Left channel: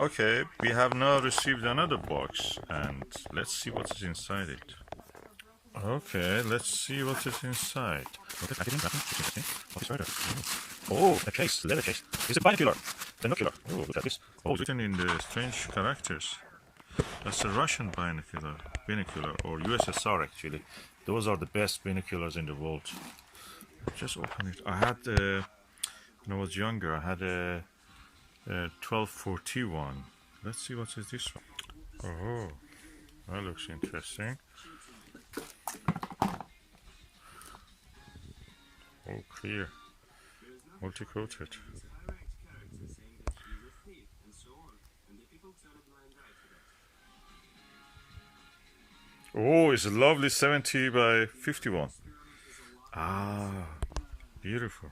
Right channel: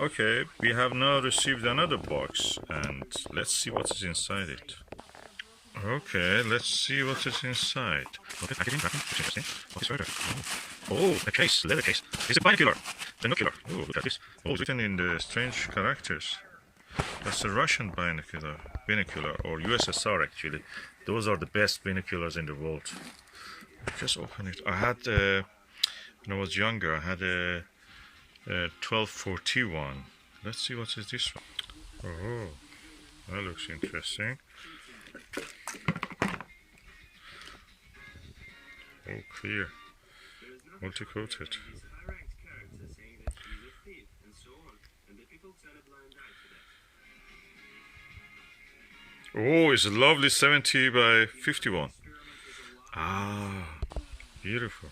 Okay, we have now received another box, and let's see what is inside it. Okay, let's see what is inside. Okay, packaging, wrapping, interesting. What is further? Oh, a case, leather case. It's a binocular. Binocular. Oh, look at this. Oh, it's written in the strange characters. That's a Russian binocular, or USSR actually. Those are the best binoculars in the world. Just open it. I had, when I was younger, I had a 1241. Let's see what is this one. Oh, that looks interesting. Oh, clear, multi-coated. Oh, it's a lovely 70 by 51. Ah, beautiful.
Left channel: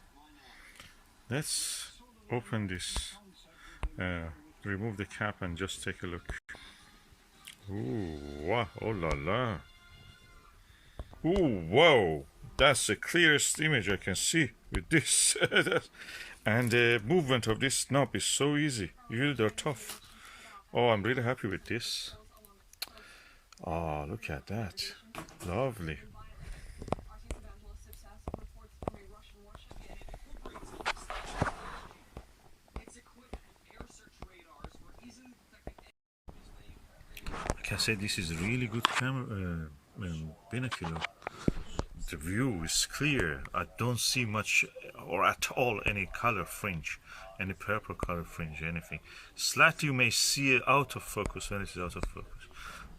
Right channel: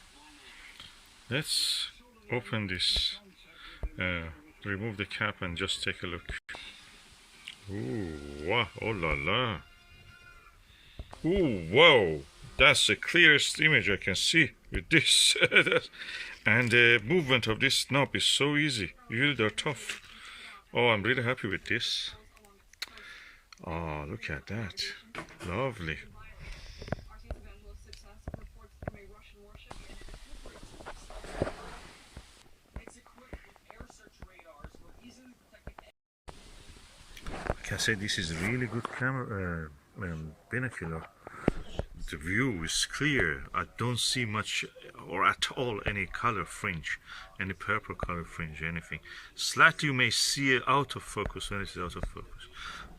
Let's open this, remove the cap and just take a look. Ooh, wow, oh la la. Ooh, wow, that's the clearest image I can see with this. And the movement of this knob is so easy. Usually they're tough. Oh, I'm really happy with this. Oh, look at that. Lovely. Like I said, this is a really good camera, binocular. The view is clear. I don't see much or at all any color fringe, any purple color fringe, anything. Slightly you may see it out of focus when it is out of focus.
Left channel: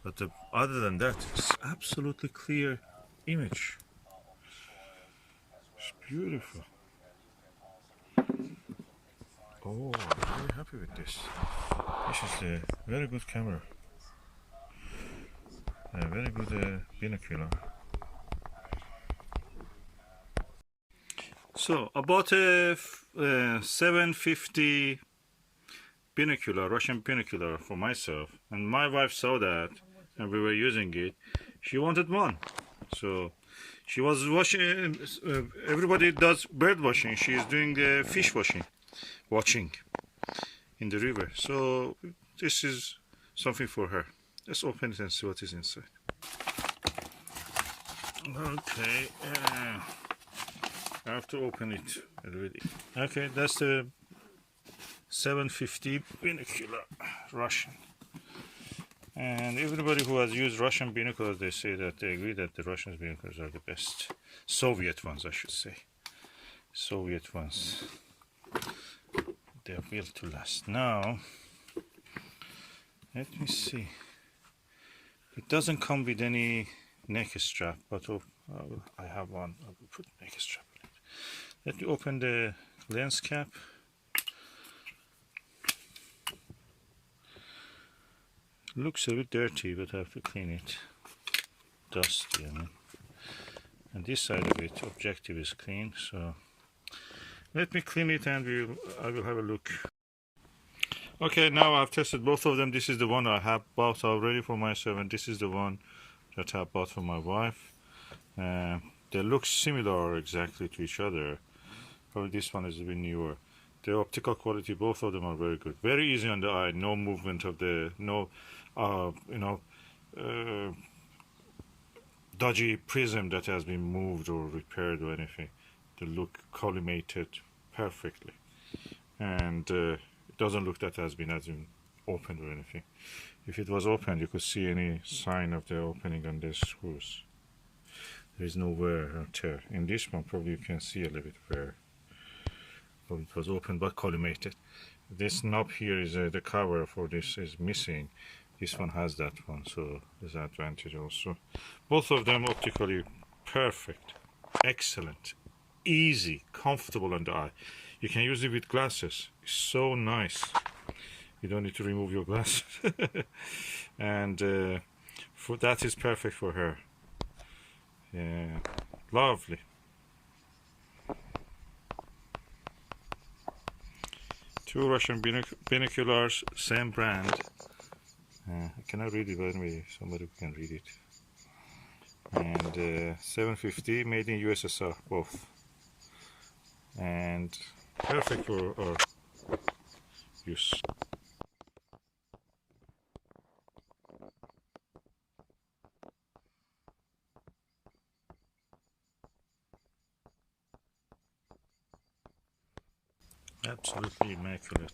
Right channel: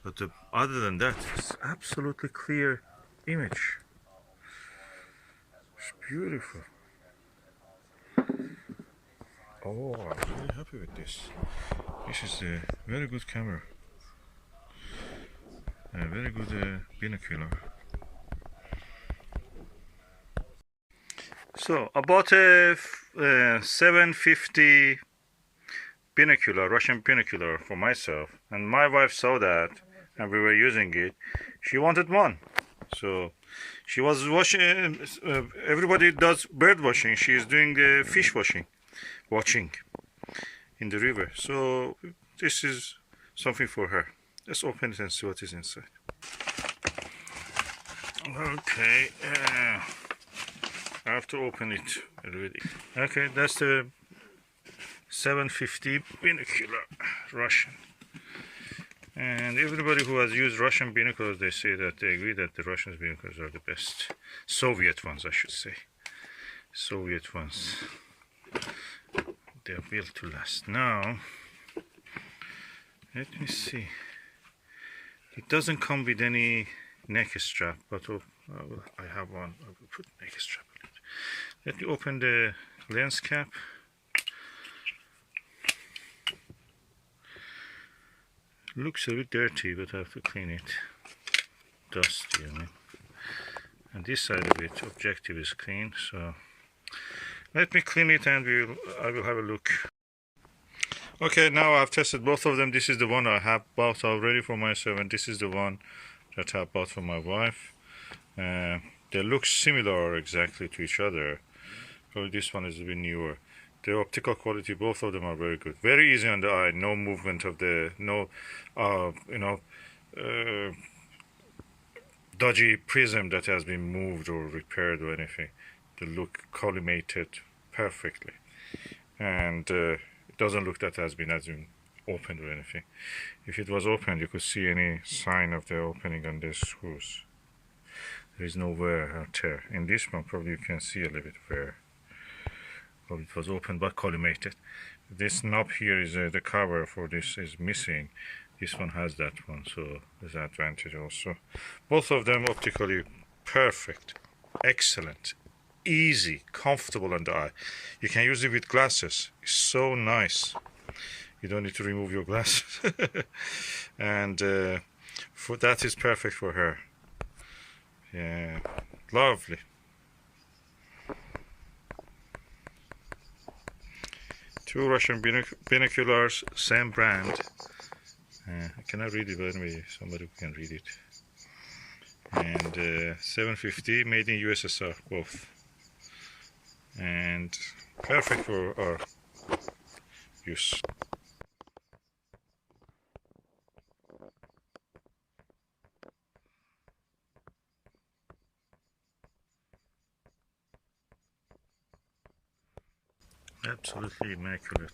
But other than that, it's absolutely clear image. It's beautiful. Oh, I'm really happy with this. This is a very good camera. A very good binocular. So I bought a 750 binocular, Russian binocular for myself, and my wife saw that and we were using it. She wanted one, so she was washing. Everybody does bird washing. She is doing fish watching in the river. So this is something for her. Let's open it and see what is inside. Okay, I have to open it already. Okay, that's the 750 binocular Russian. And everybody who has used Russian binoculars, they say that they agree that the Russian binoculars are the best. Soviet ones, I should say. Soviet ones. They are built to last. Now, let me see. It doesn't come with any neck strap, but I have one. I will put neck strap on it. Let me open the lens cap. Looks a bit dirty, but I have to clean it. Dusty, I mean. And this side of it, objective is clean, so let me clean it and I will have a look. Okay, now I've tested both of them. This is the one I have bought already for myself, and this is the one that I bought for my wife. They look similar exactly to each other. Probably this one is a bit newer. The optical quality, both of them are very good. Very easy on the eye. No movement of the, dodgy prism that has been moved or repaired or anything. They look collimated perfectly, and it doesn't look that has been opened or anything. If it was opened, you could see any sign of the opening on the screws. There is no wear or tear. In this one, probably you can see a little bit wear. Probably it was opened but collimated. This knob here is the cover for this is missing. This one has that one, so there's an advantage also. Both of them optically perfect, excellent, easy, comfortable on the eye. You can use it with glasses. It's so nice. You don't need to remove your glasses. And for that is perfect for her. Yeah, lovely. Two Russian binoculars, same brand. I cannot read it, but anyway, somebody can read it. And 750, made in USSR, both. And perfect for our use. Absolutely immaculate.